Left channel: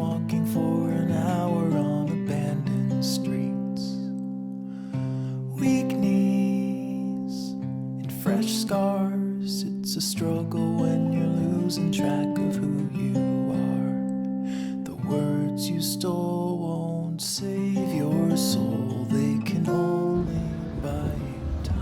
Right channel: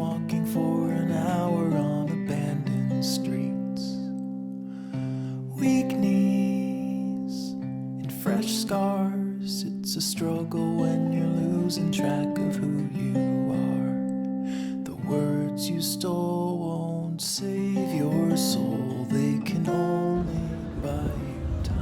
walking for an hour on abandoned streets. Weak knees and fresh scars. It's a struggle when you're losing track of who you are. The words you stole won't save your soul. They can only buy you time.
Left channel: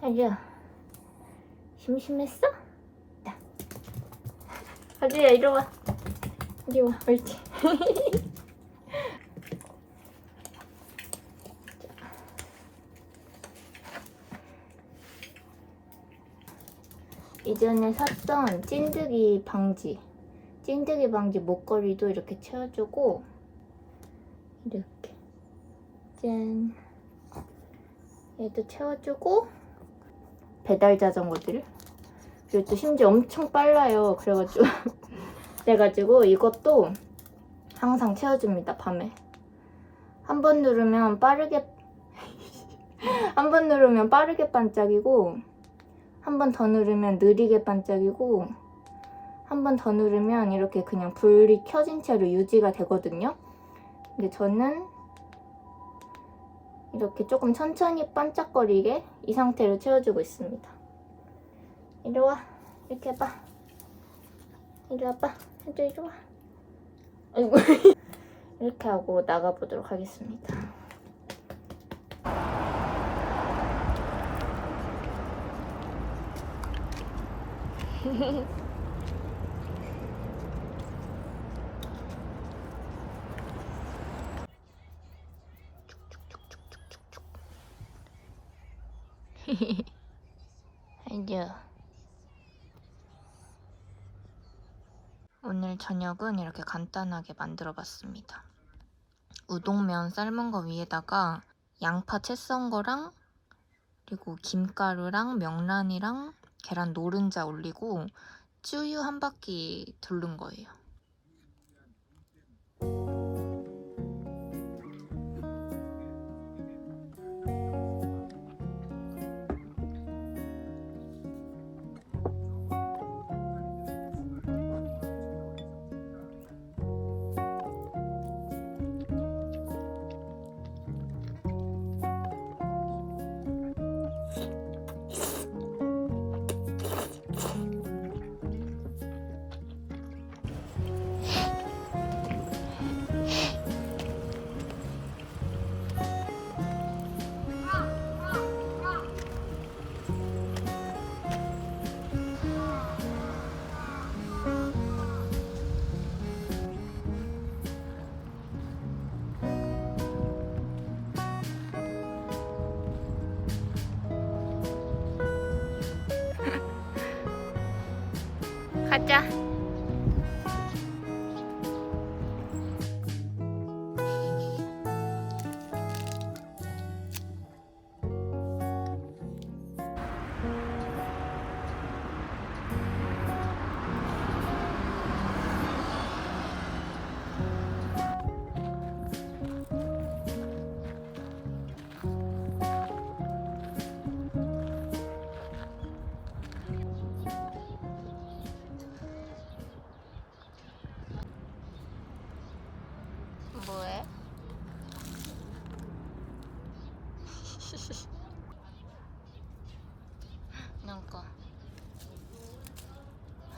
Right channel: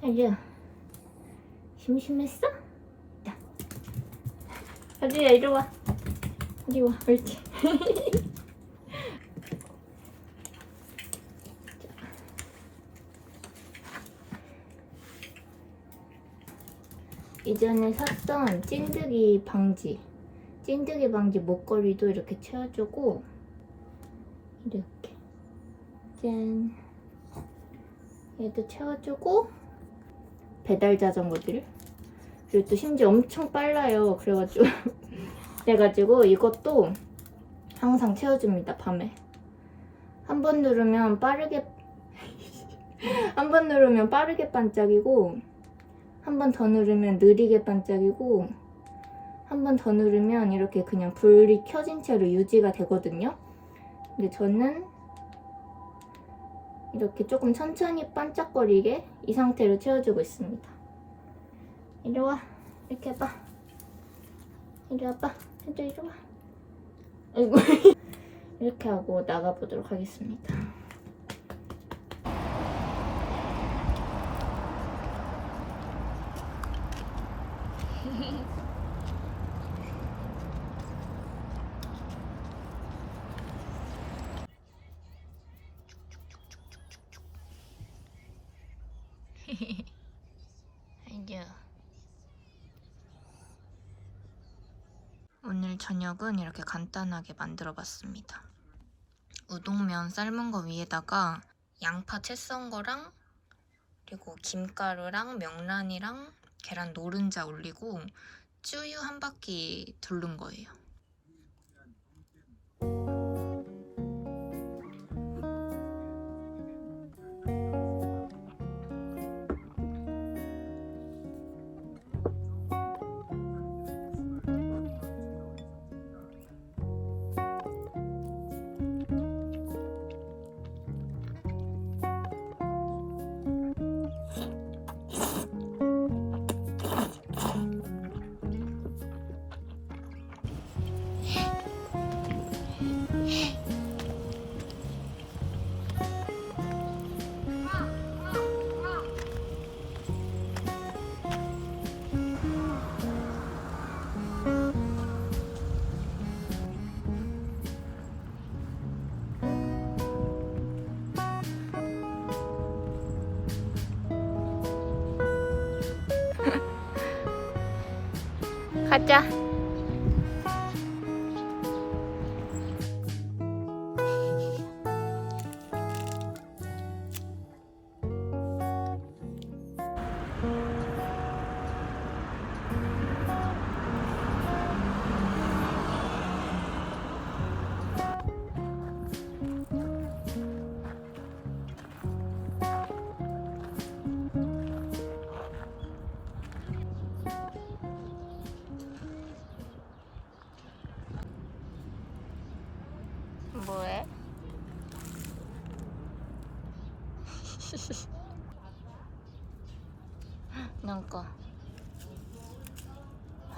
하주야, 심심했어? 자, 하주야 이리 와. 이리 와, 옳지. 이전에 샀던 찐득이 방지 목걸이도 이렇게 채워주고, 이렇게 짠, 얘도 채워주고, 배달 자전거들, 그리고 또 심지어 엄청 빨라요. 그래가지고 이것도 항상 채워줍니다. 밤에 한 번 누르면 빠르게 반짝이고, 한 번 더 누르면 느리게 반짝이고, 한 번 더 누르면 이렇게 그냥 불이 켜진 채로 유지가 되거든요. 근데 저는 이렇게 조금 천천히 반짝거리게 이 상태로 채워주고 있습니다. 이리 와. 이렇게 해봐. 이리 와봐. 해줘, 이리 와. 아이고. 이렇게 하고 나가보도록 하겠습니다. 아이고. 오늘 저녁은 이렇게 간단하게 만들어 봤습니다. 우동면 삶은 거 위에다가 양파 채 썬 거랑, 그리고 김가루랑 명란이랑 계란 노른자 올리고 쭈유 한 바퀴 두른 거예요. 가자.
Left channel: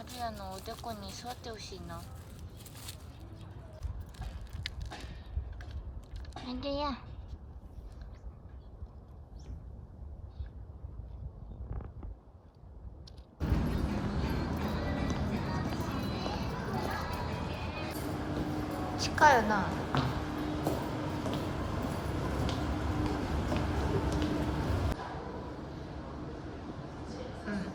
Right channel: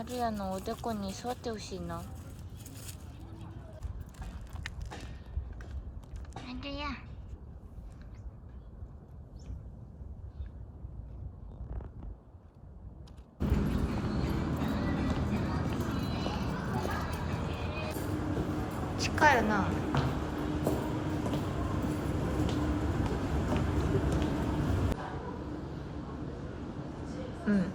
ハルヤのおでこに座ってほしいな。ハルヤ。近いよな。うん。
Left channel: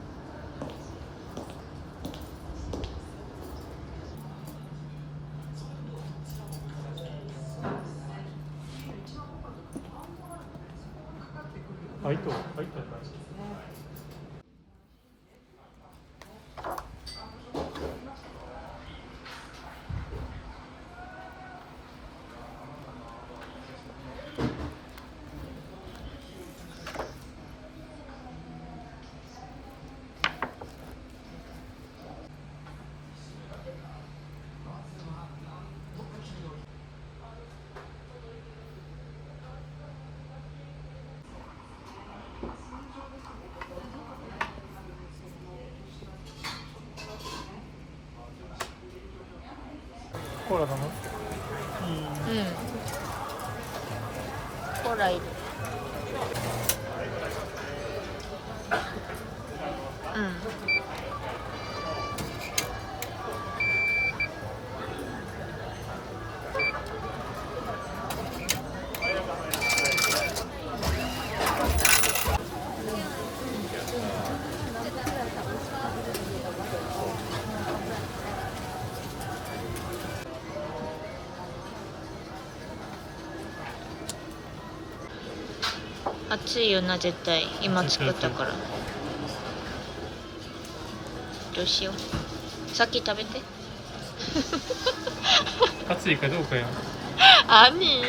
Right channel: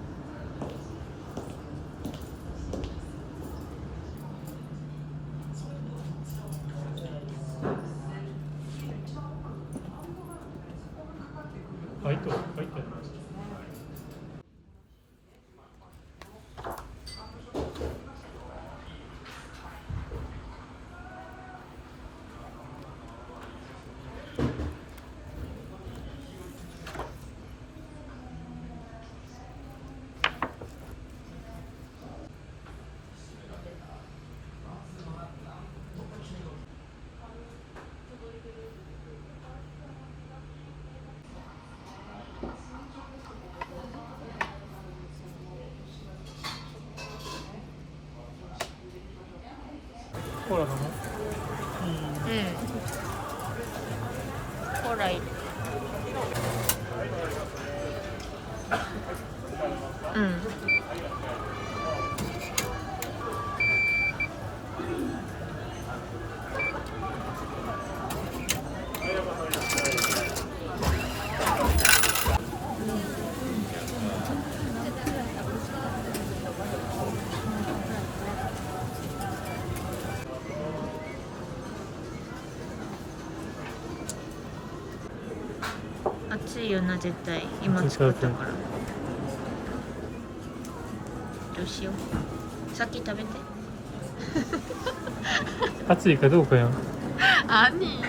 入った入った。コーラなの？うん。コーラいる。うん。熱いよな、絶対。今作ったから。どうしよう。先食べて。熱いかどうかよ。アニ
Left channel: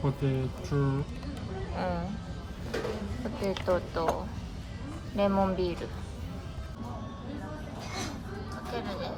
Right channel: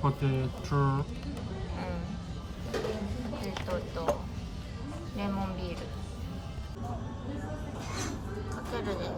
ポテト。うん。ポテトとレモンビール。かけるね。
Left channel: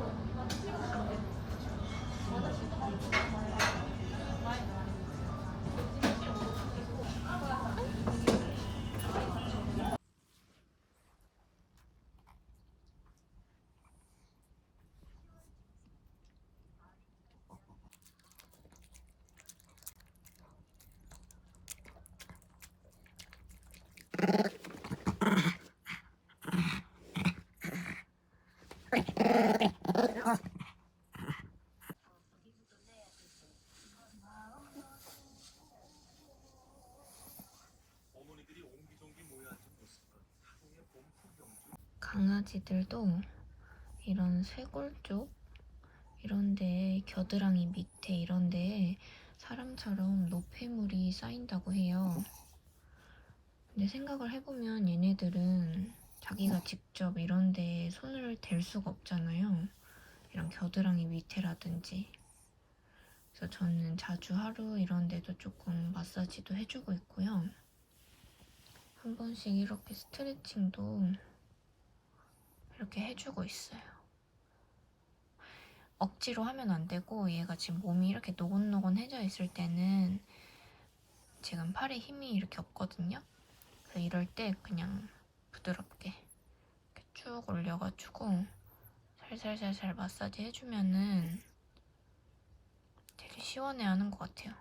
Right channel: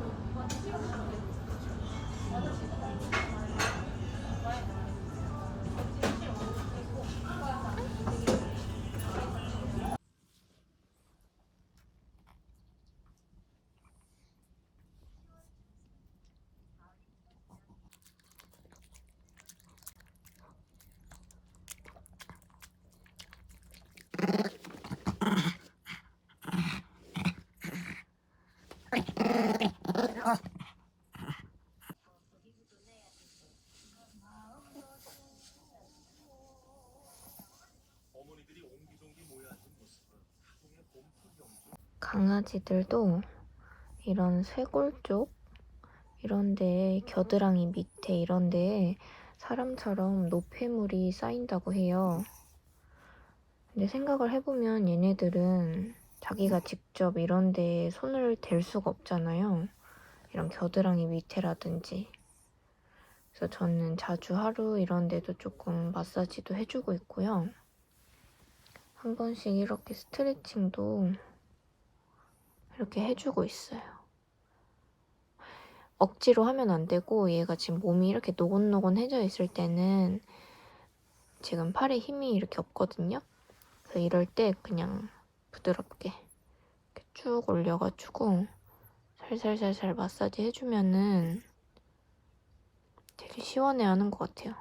강아지들도 이런 쇄골 쪽 이런 데에 겨드랑이 밑에 이런 데에 사람처럼 노폐물이 쌓인다고 해요. 근데 생각을 해보면 얘네들은 자기가 직접 이런 데에 손을 댈 수가 없잖아요. 이런 겨드랑이 밑에라든지. 그래서 저는 자주 하루 이런 데도 조금 마사지도 해주고 있고요. 한 번씩 이렇게 스트레칭도 이렇게 해주고 있어요. 억지로 하면 안 되고 얘가 지금 몸이 이렇게 노곤노곤해져 있을 때는 지금 팔에 힘이 이렇게 없거든요. 그래서 이럴 때 그냥 부드럽게 이렇게 쭉 올려가지고 살살살살 마사지 해주면은 되게 시원해하는 것 같아요.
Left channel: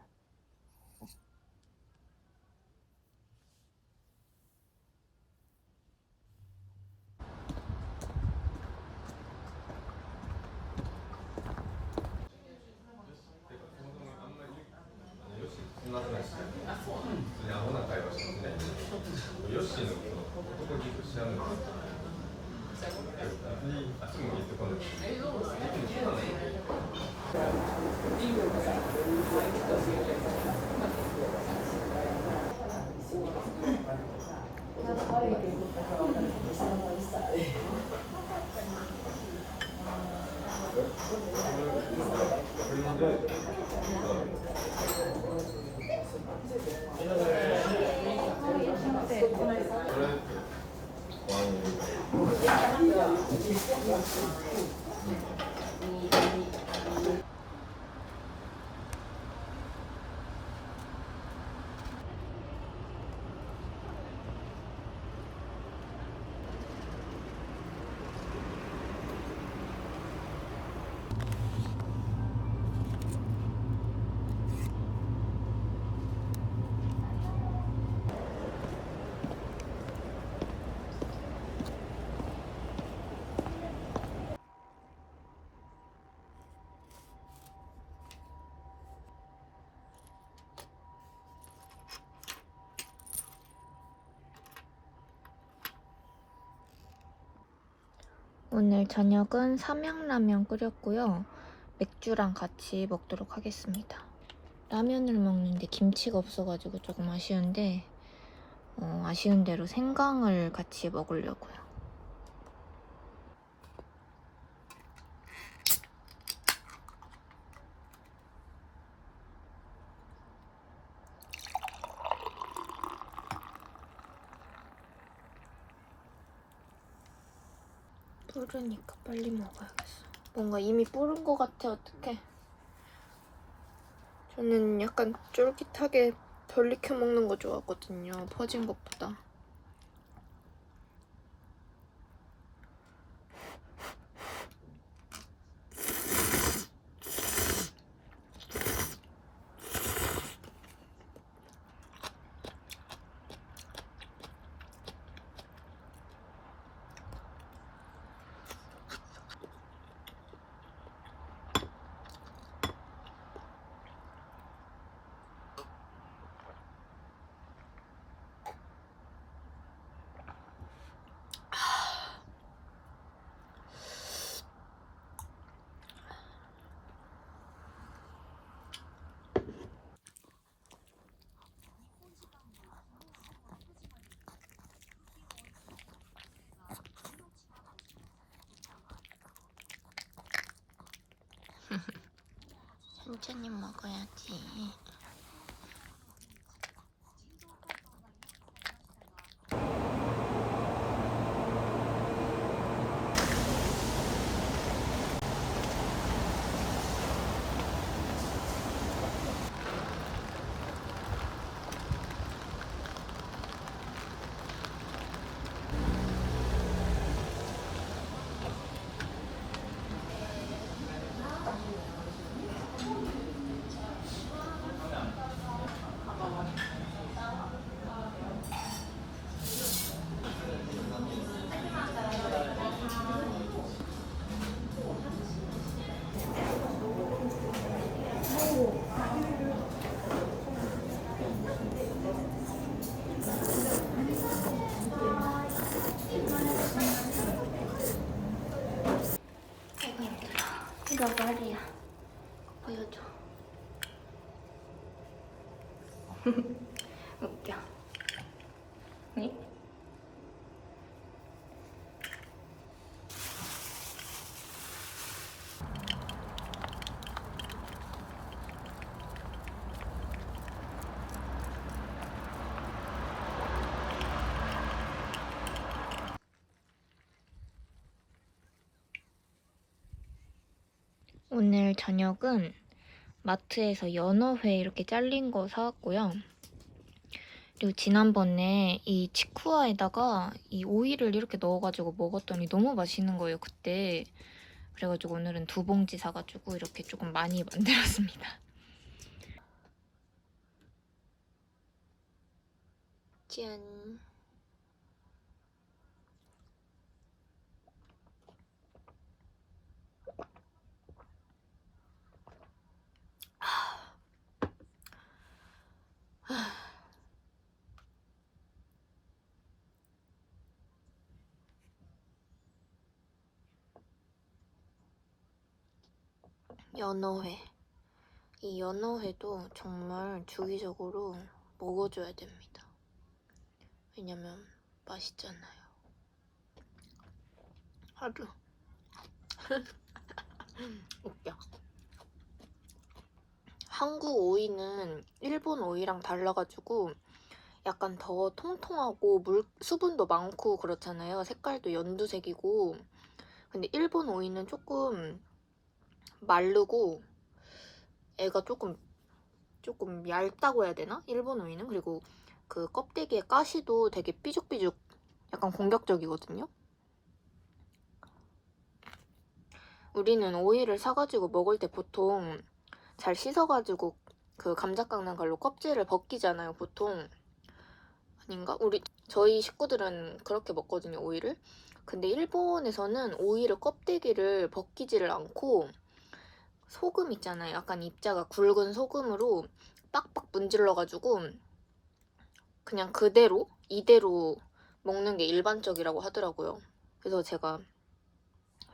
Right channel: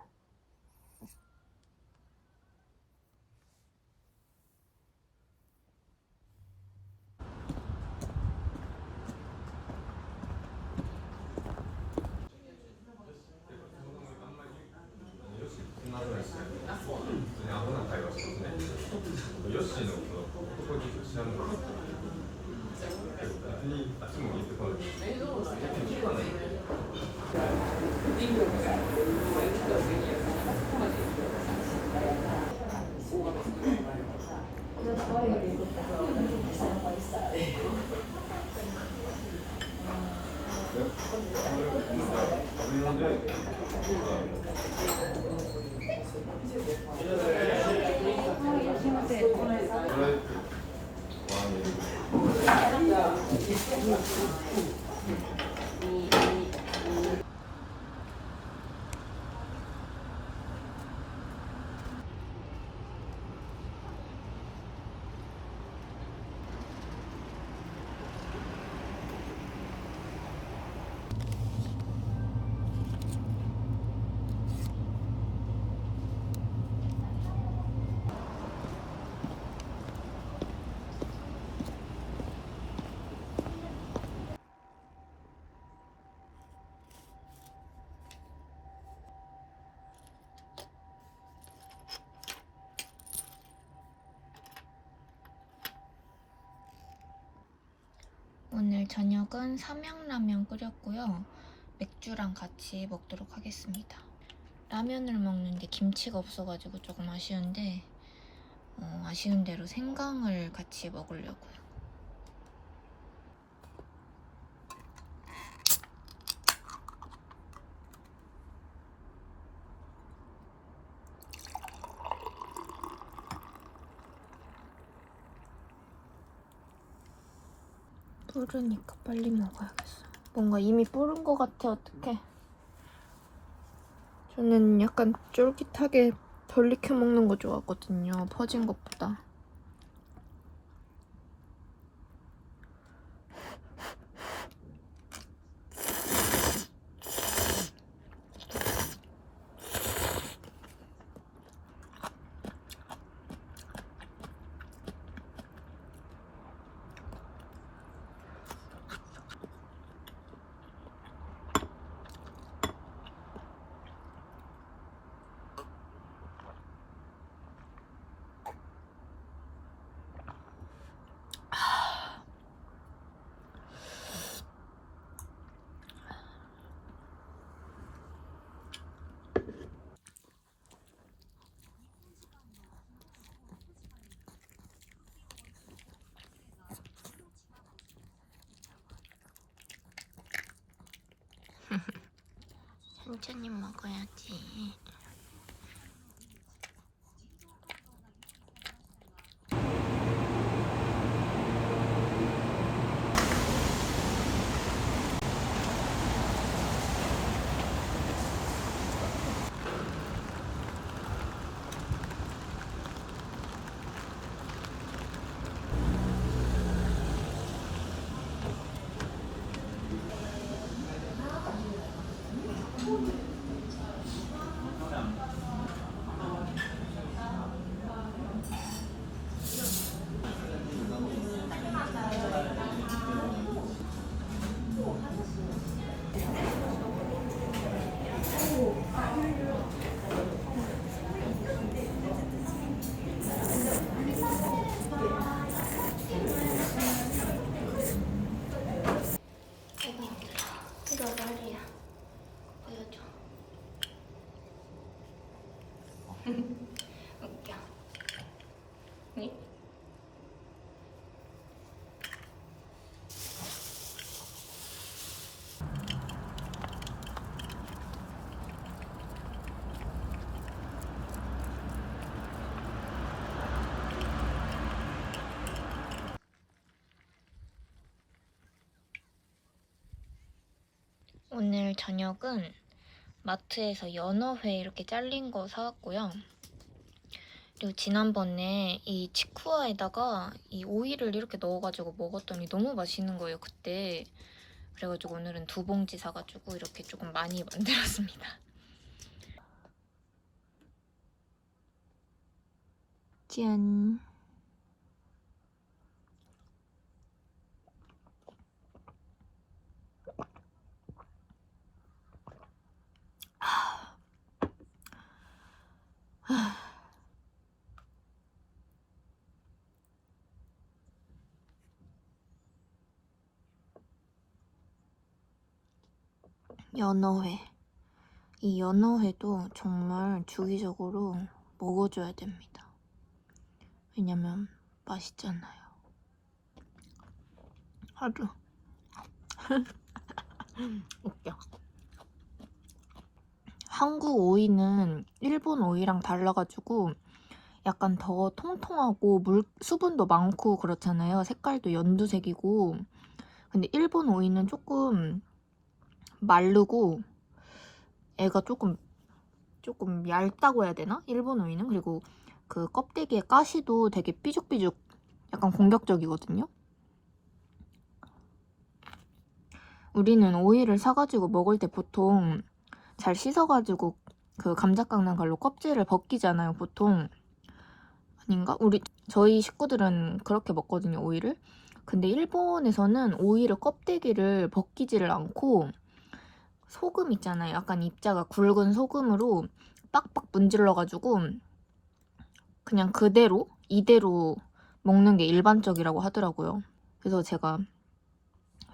오늘 저녁은 삼양라면 끓였고요. 맥주랑 같이 먹도록 하겠습니다. 라면을 먹는데 김치가 없어가지고 조금 아쉬운데 아쉬운 대로 생강을 같이 먹으려고요. 뿌르니까 빨리 먹어야겠어. 뭔가 이미 뿌른 것 같아. 어떡해. 저는 약간 쫄깃하게 덜 익혀 먹는 거 좋아하거든요. 퍼진 것보다. 천천히 먹어야지. 아이고 힘들어. 이거 머리야. 보여줘. 웃겨. 응? 오늘 저녁은 마트에서 연어회 이렇게 잘린 거 사왔고요. 그리고 지난번에 이 치쿠아에다가 이 오이를 이렇게 넣어가지고 먹었더니 너무 맛있는 거예요, 그때. 그래가지고 오늘은 2봉지 사가지고 이렇게 조금 많이 만들었습니다. 짠. 연어회. 이 연어회도 정말 주기적으로 먹어줘야 됩니다. 왜냐면 맛있잖아요. 하루. 웃겨. 한국 오이는 일본 오이랑 달라가지고 약간 더 통통하고 수분도 많고 그렇잖아요. 색깔도 연두색이고. 근데 일본 오이는 조금 마르고 애가 조금 얇다고 해야 되나? 일본 오이는. 그리고 그 껍데기의 가시도 되게 삐죽삐죽 약간 공격적이거든요. 우리는 오이를 사가지고 먹을 때 보통 잘 씻어가지고 그 감자 깎는 걸로 껍질을 벗기잖아요, 보통. 아닌가? 저희 식구들은 그렇게 먹거든요, 오이를. 근데 일본에서는 오이를 껍데기를 벗기지를 않고 소금 있잖아요. 약간 입자가 굵은 소금으로 빡빡 문질러가지고 그냥 이대로 먹는 게 일반적이라고 하더라고요. 그래서 제가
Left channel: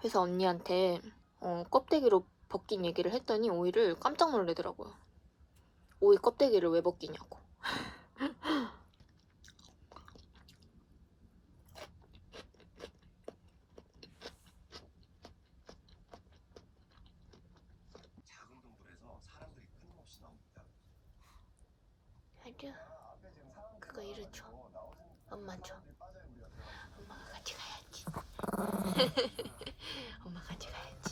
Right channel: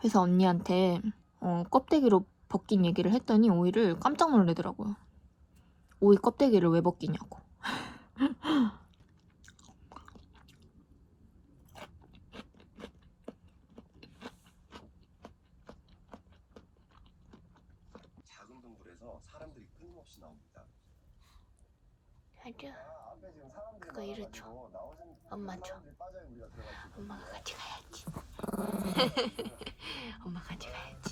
회사 언니한테 껍데기로 벗긴 얘기를 했더니 오이를 깜짝 놀라더라고요. 오이 껍데기를 왜 벗기냐고. 작은 동굴에서 사람들이 끊임없이 나옵니다. 아주 그거 이리 줘. 엄마 줘. 엄마가 가져가야지. 엄마 가져가야지.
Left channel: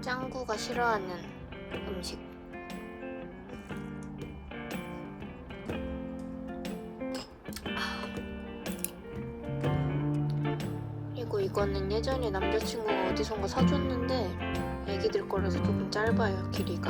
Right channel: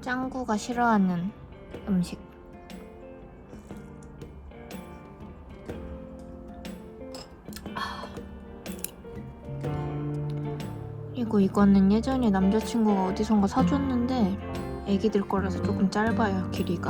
짱구가 싫어하는 음식. 어디선가 사줬는데 애기들 거라서 조금 짧아요 길이가.